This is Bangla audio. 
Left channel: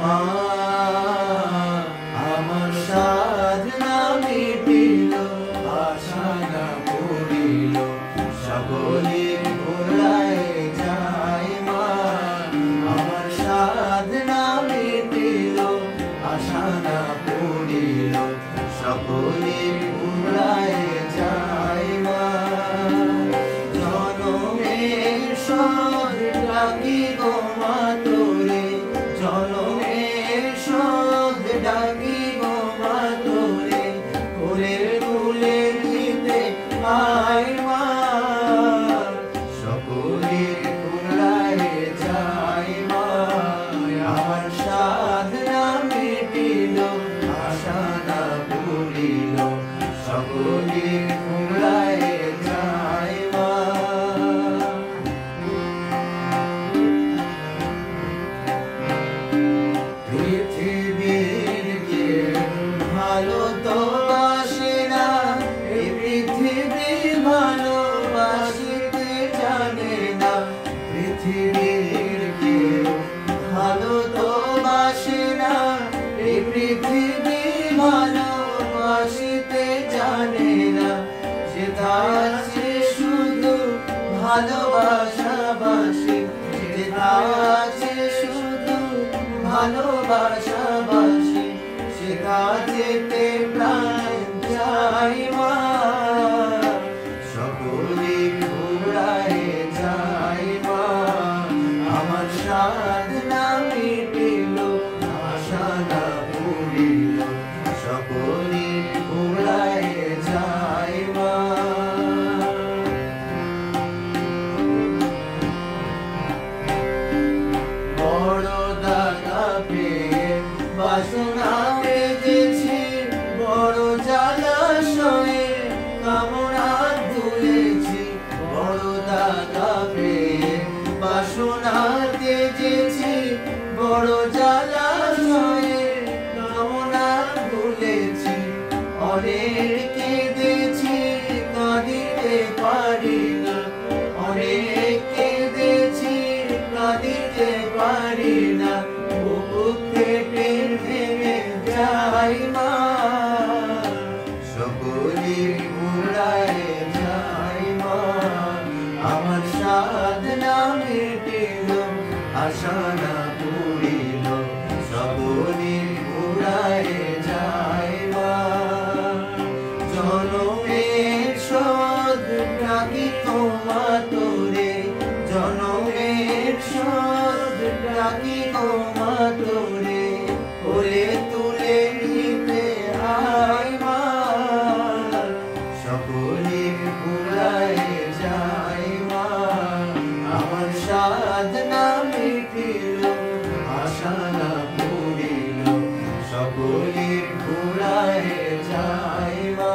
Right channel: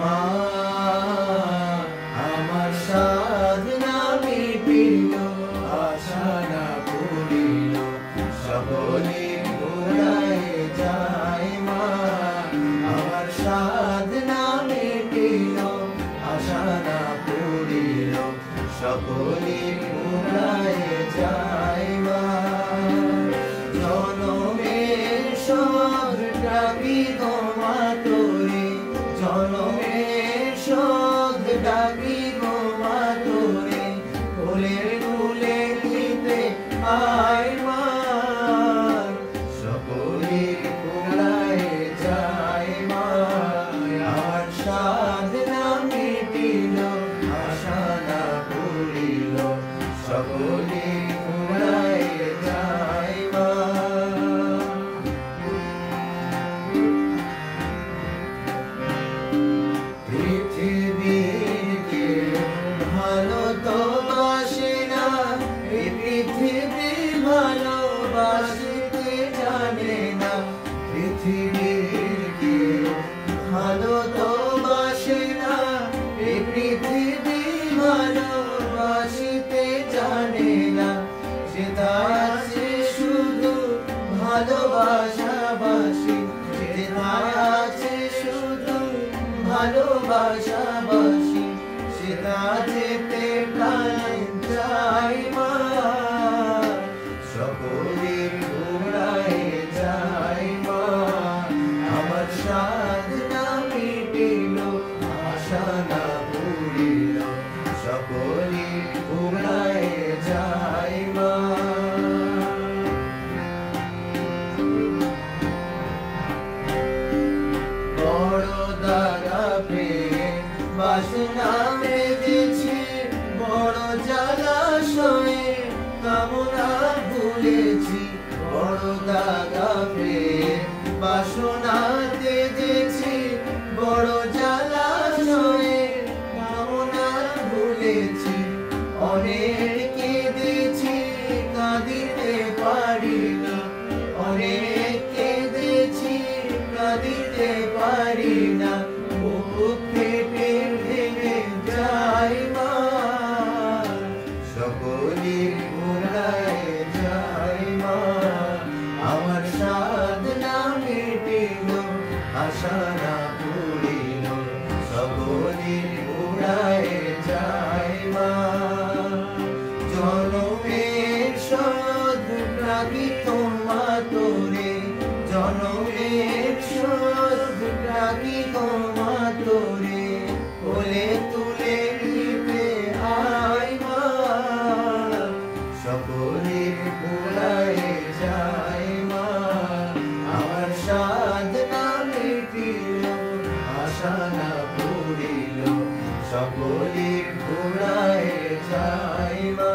মা আমার সাধনা মিটিল, আশা না পড়িল, সকলে ভুলায় যায় মা। আমার সাধনা মিটিল, আশা না পড়িল, সকলে ভুলায় যায় মা। জনমের সদ ডাকি গো মা তোরে, জনমের সদ ডাকি গো মা তোরে, কোলের তুলে নিতে আয় মা। সকলে ভুলায় যায় মা। আমার সাধনা মিটিল, আশা না পড়িল, সকলে ভুলায় যায় মা। পৃথিবীর কেউ ভালো তো বাসে না, এই পৃথিবী ভালোবাসিতে জানে না। পৃথিবীর কেউ ভালো তো বাসে না, এই পৃথিবী ভালোবাসিতে জানে না। যেটা আছে শুধু ভালোবাসা বাসি, যেটা আছে শুধু ভালোবাসা বাসি, সেটা যেতে প্রাণ যায় মা। সকলে ভুলায় যায় মা। আমার সাধনা মিটিল, আশা না পড়িল, সকলে ভুলায় যায় মা। বড় দাগা পেয়ে বাসনা বেঁধেছি, বড় জলাশয়ে কামনা ভুলেছি। বড় দাগা পেয়ে বাসনা বেঁধেছি, বড় জলাশয়ে কামনা ভুলেছি। অনেক কেঁদেছি কাঁদিতে পারি না, অনেক কেঁদেছি কাঁদিতে পারি না। বুক ফেটে ভেঙে যায় মা। সকলে ভুলায় যায় মা। আমার সাধনা মিটিল, আশা না পড়িল, সকলে ভুলায় যায় মা। জনমের সদ ডাকি গো মা তোরে, জনমের সদ ডাকি গো মা তোরে, কোলে তুলে নিতে আয় মা। সকলে ভুলায় যায় মা। আমার সাধনা মিটিল, আশা না পড়িল, সকলে ভুলায় যায় মা।